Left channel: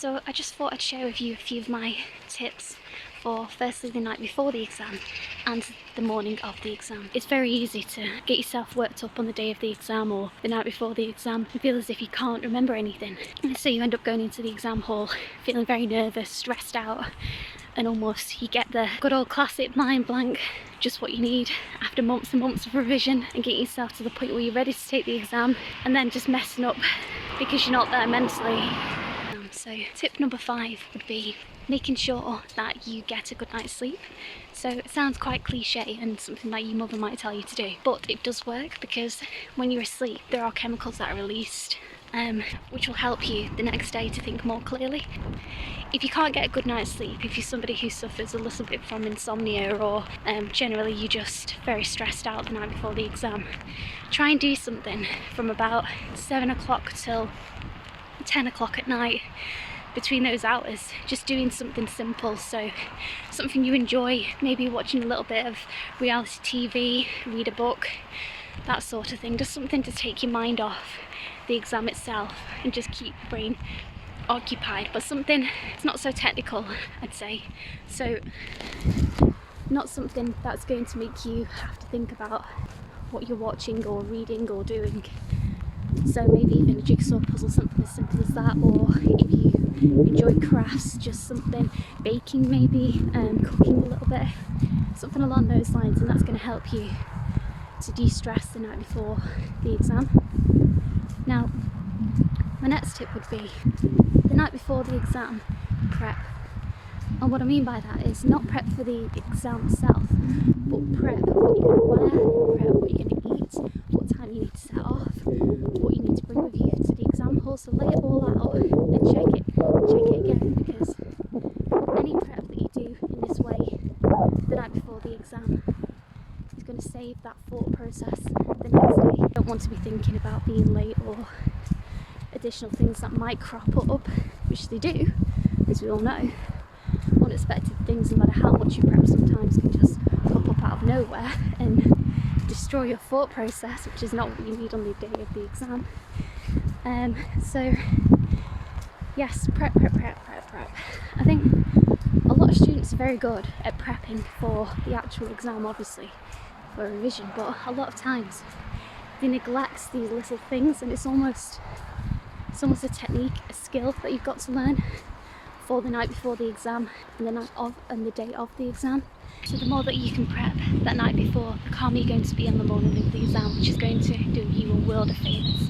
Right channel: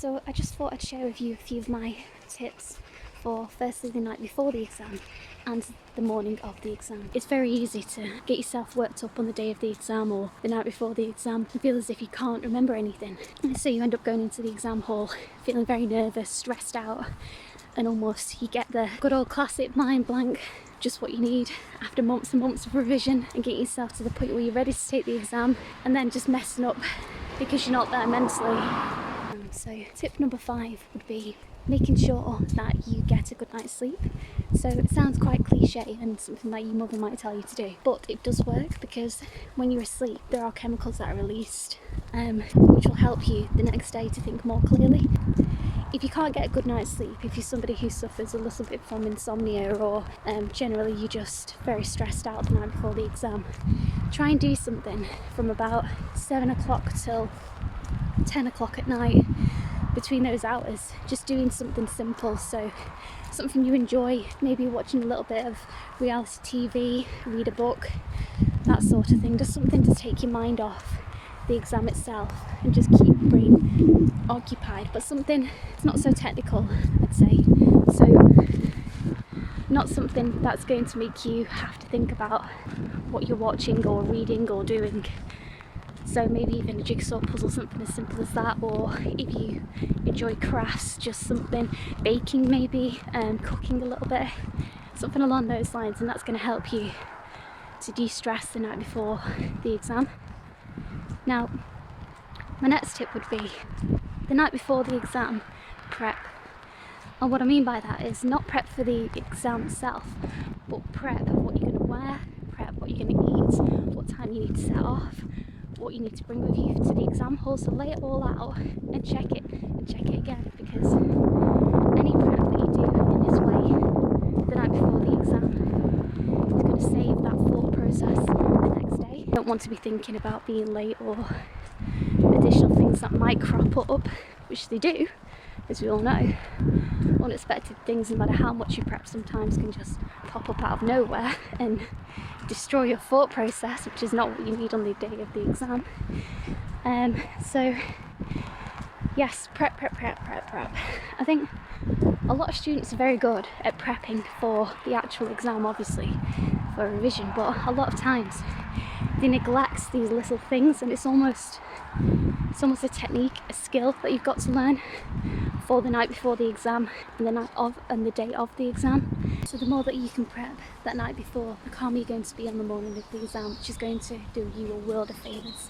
So I just thought I'd share with you a few of my tips for firstly the night before the exam and the morning of the exam. It's very easy to get yourself worked up on the day of the exam or the night before the exam and feel as if you can't remember anything. So you end up going into the exam hall feeling very nervous, stressed out, and almost you get the good old classic mind blank, just what you need after months and months of revision, and getting yourself to the point where you're ready to take the exam and then just messing up because you're not there mentally. So tip number 5 would be making sure that you get a good night's sleep. So it sounds quite cliche and something that your mother might tell you to do, but it does work because when you're asleep there are chemicals that are released which will help you the next day to think more clearly. If you can't get a good night's sleep, if you're somebody who suffers a little bit from insomnia or generally you're just very stressed out the night before the exam, try and do something from about 7 o'clock till 10 o'clock at night. Between those hours, just doing something simple, so something you enjoy, maybe watching a little bit of reality TV, read a book, that sort of thing, just something to take your mind off the exam itself and just keep your brain occupied, but something it's not so technical, I'd say, so not something that's going to make you have to think about what you're watching or reading or doing. So maybe even a jigsaw puzzle, something as simple as that, or if you enjoy crafts, just something, baking maybe, cooking a little bit, something along those lines, and that's going to help you to de-stress the night before the exam. Now, my next tip would be the night before the exam, prep. And what I mean by that is not prep for the exam itself, but prep what you're going to wear, prep what you're going to eat, what time you need to set off, what you need to bring with you to the exam hall. So lay it all out and check it again, because any prep that you do in this way the night before the exam is going to save that thought process the next day. You don't want to be thinking about being late or additional things that might crop up, which they do, as we all know. Unexpected things, no matter how much you prep, sometimes can just pop up out of nowhere and destroy your thought process, which is not what you need on the day of the exam. So yes, prep. I think a lot of students are very good at prepping for the actual exam, obviously for revision, but a lot of times they neglect these little things, and it's almost a technique, a skill that you've got to learn for the night before the exam and the night of and the day of the exam. So the more that you can prep that night before, the calmer you're going to be on the morning of the exam, which is going to do you a world of favours.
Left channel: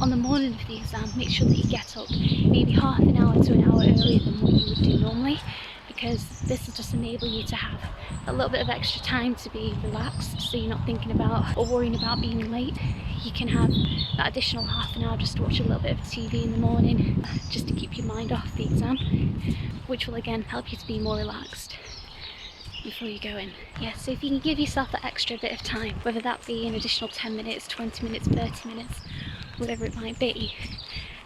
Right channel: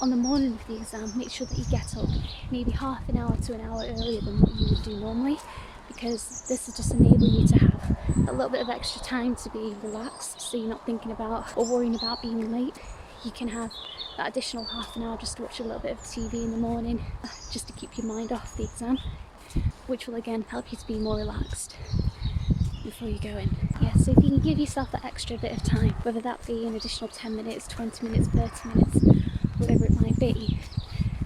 On the morning of the exam, make sure that you get up maybe half an hour to an hour earlier than what you would do normally, because this will just enable you to have a little bit of extra time to be relaxed, so you're not thinking about or worrying about being late. You can have that additional half an hour just to watch a little bit of TV in the morning, just to keep your mind off the exam, which will again help you to be more relaxed before you go in. Yeah, so if you can give yourself that extra bit of time, whether that be an additional 10 minutes, 20 minutes, 30 minutes, whatever it might be,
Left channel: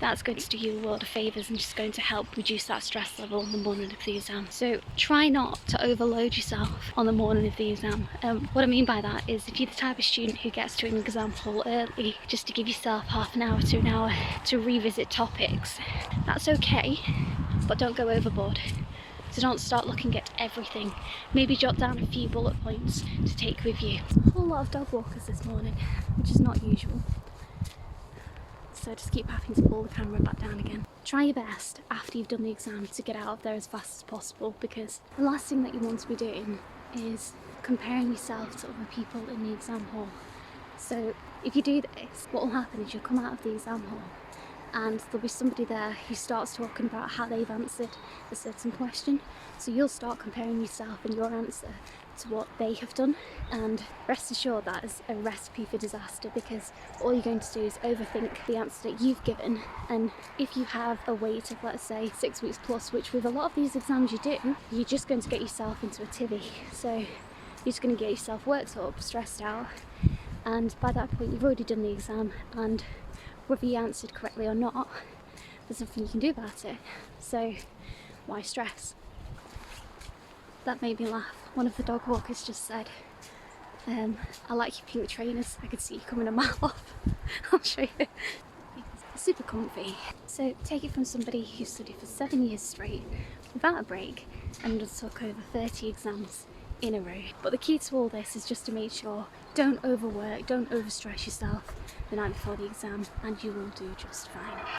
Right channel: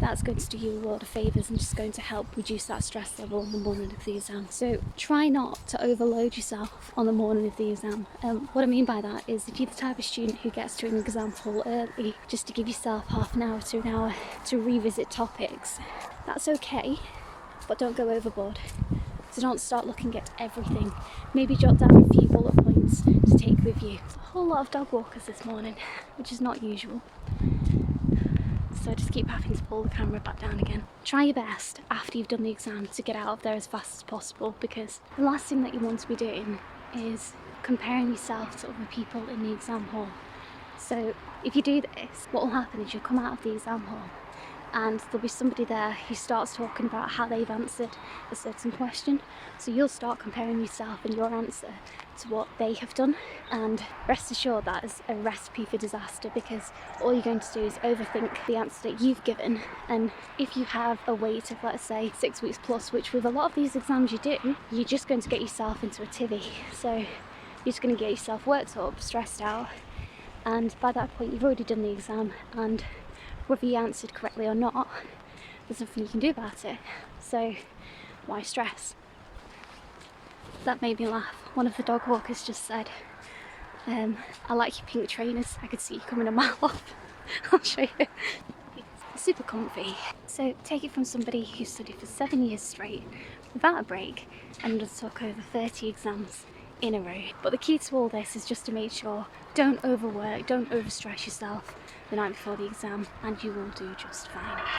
that's going to do you a world of favours and just going to help reduce that stress level on the morning of the exam. So try not to overload yourself on the morning of the exam. What I mean by that is if you're the type of student who gets to an exam hall early just to give yourself half an hour to an hour to revisit topics, that's okay, but don't go overboard. So don't start looking at everything. Maybe jot down a few bullet points to take with you. A whole lot of dog walkers this morning, which is not usual. So just keep having to pull the camera back down again. Try your best after you've done the exam to get out of there as fast as possible, because the last thing that you want to be doing is comparing yourself to other people in the exam hall. So if you do this, what will happen is you'll come out of the exam hall and there'll be somebody there who starts talking about how they've answered a certain question. So you'll start comparing yourself and your answer to what they have done, and rest assured that is a recipe for disaster, because all you're going to do is overthink the answer that you've given. And if you have a wait of, let's say, 6 weeks plus, which with a lot of these exams you do, you're just going to get yourself into a tivy. So you're just going to get yourself worked up, stressed out, and by that point you've already done the exam, and whether you answered correctly or not, there's nothing you can do about it. So why stress? That made me laugh. One of the dog walkers just said, I like your pink trainers, I could see you coming a mile off. I'll show you. super comfy. So take it from somebody who studied for 7 years straight without a break and undertook over 30 exams in a row. But the key to all this is just to make sure, don't overwork, don't overstress yourself the night before the exam, and you will do just fine.